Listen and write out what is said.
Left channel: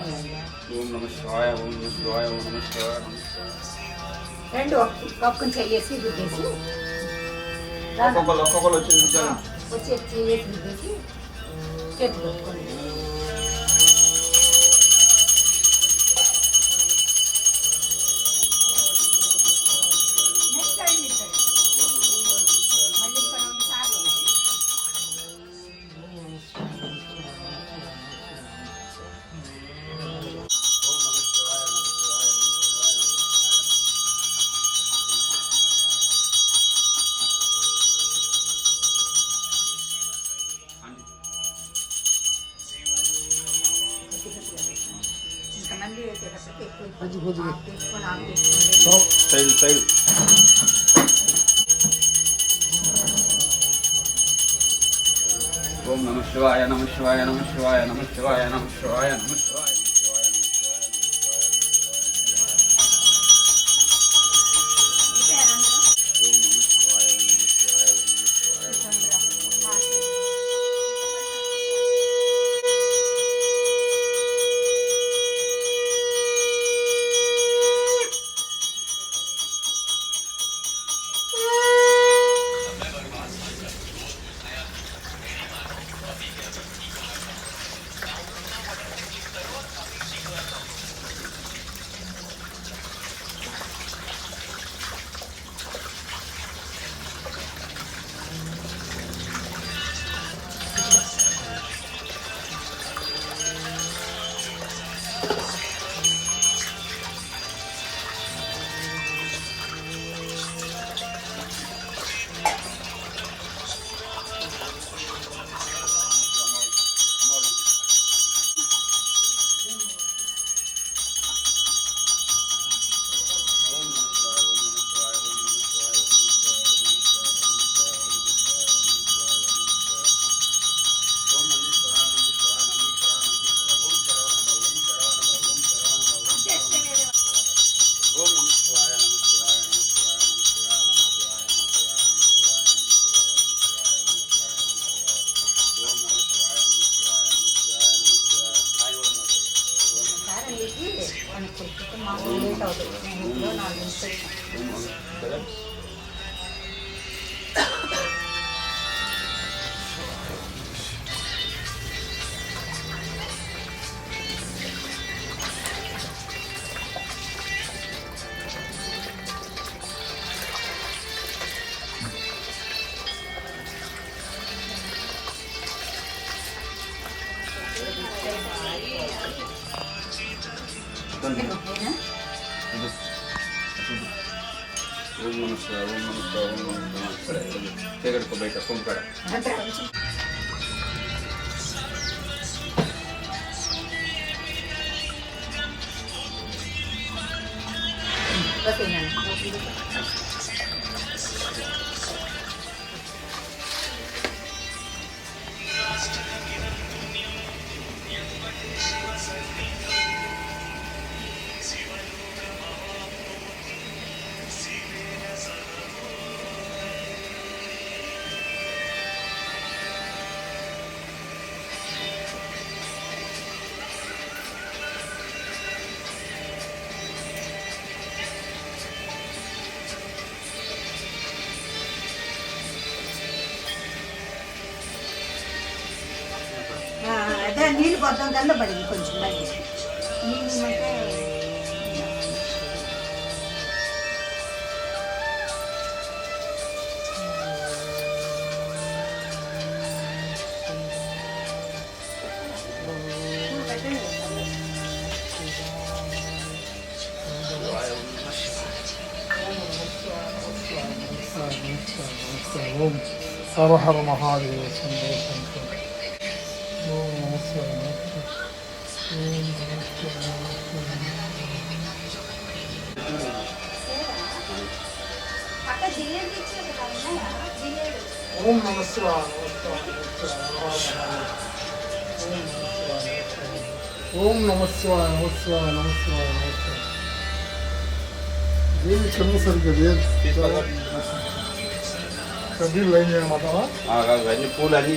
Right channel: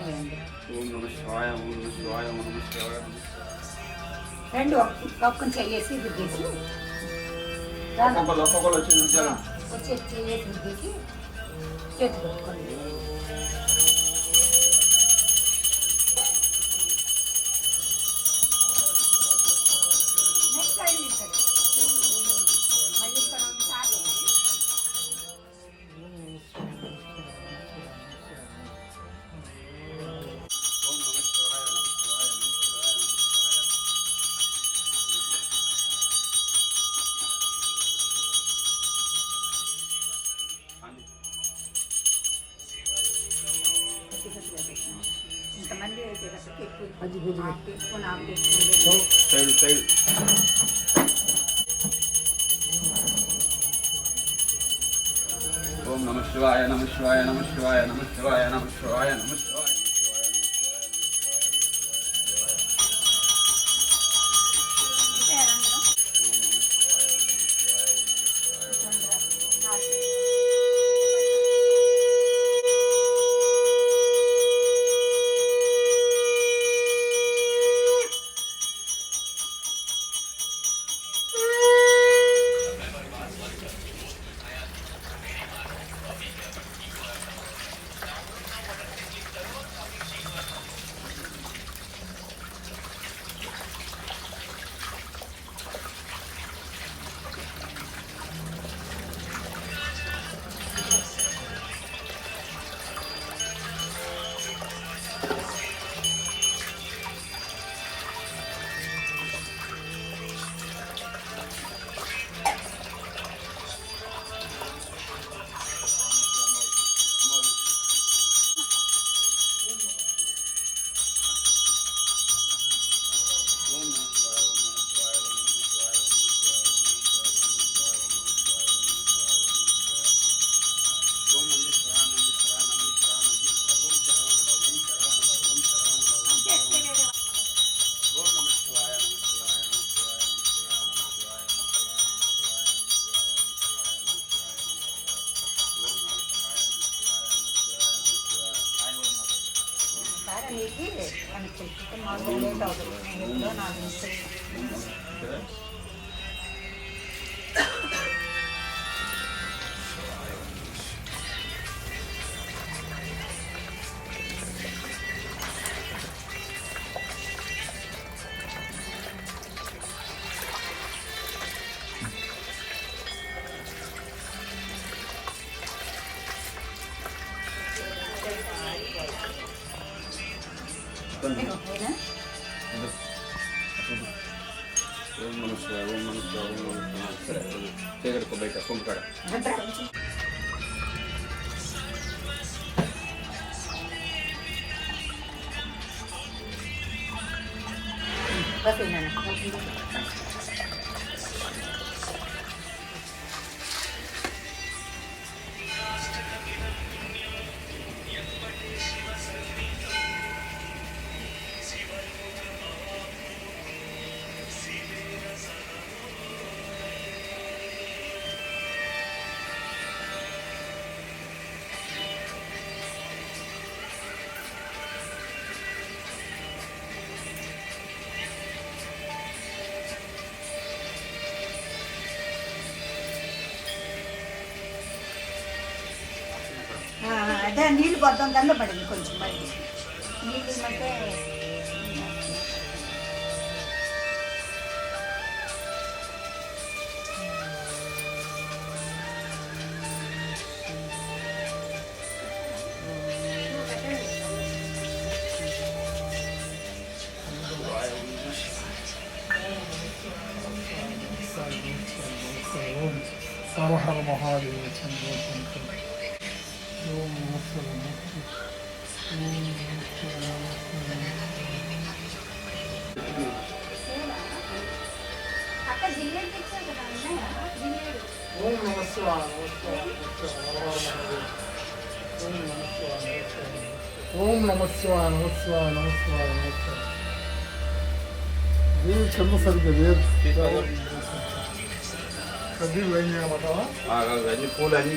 ఓం నమః శివాయ ఓం నమః శివాయ ఓం నమః శివాయ. రెండు ఒక్కొక్కని చెయ్యేసి రుద్దేసి ఒక్కొక్కరు వచ్చి చెయ్యేసి రుద్దేసి చేతి కొట్టుకొని ఇంతమంది వేసేటప్పటికి ఎక్కువ తీసుకొని ఆకు తీసుకొని ఓం నమః శివాయ నమః శివాయ నమః శివాయ నమః శివాయ నమః శివాయ నమః శివాయ. చేయగడుకో బయట కొంపడ అదే నీళ్ళు కొద్దాం దానిలో పడింది కొంచెం నీళ్ళు हर हर महादेव ओम नमः शिवाय ओम नमः शिवाय नमः शिवाय नमः शिवाय नमः शिवाय ये चंद्र सर के वेद कभी लेंगे हमारा पूल अभी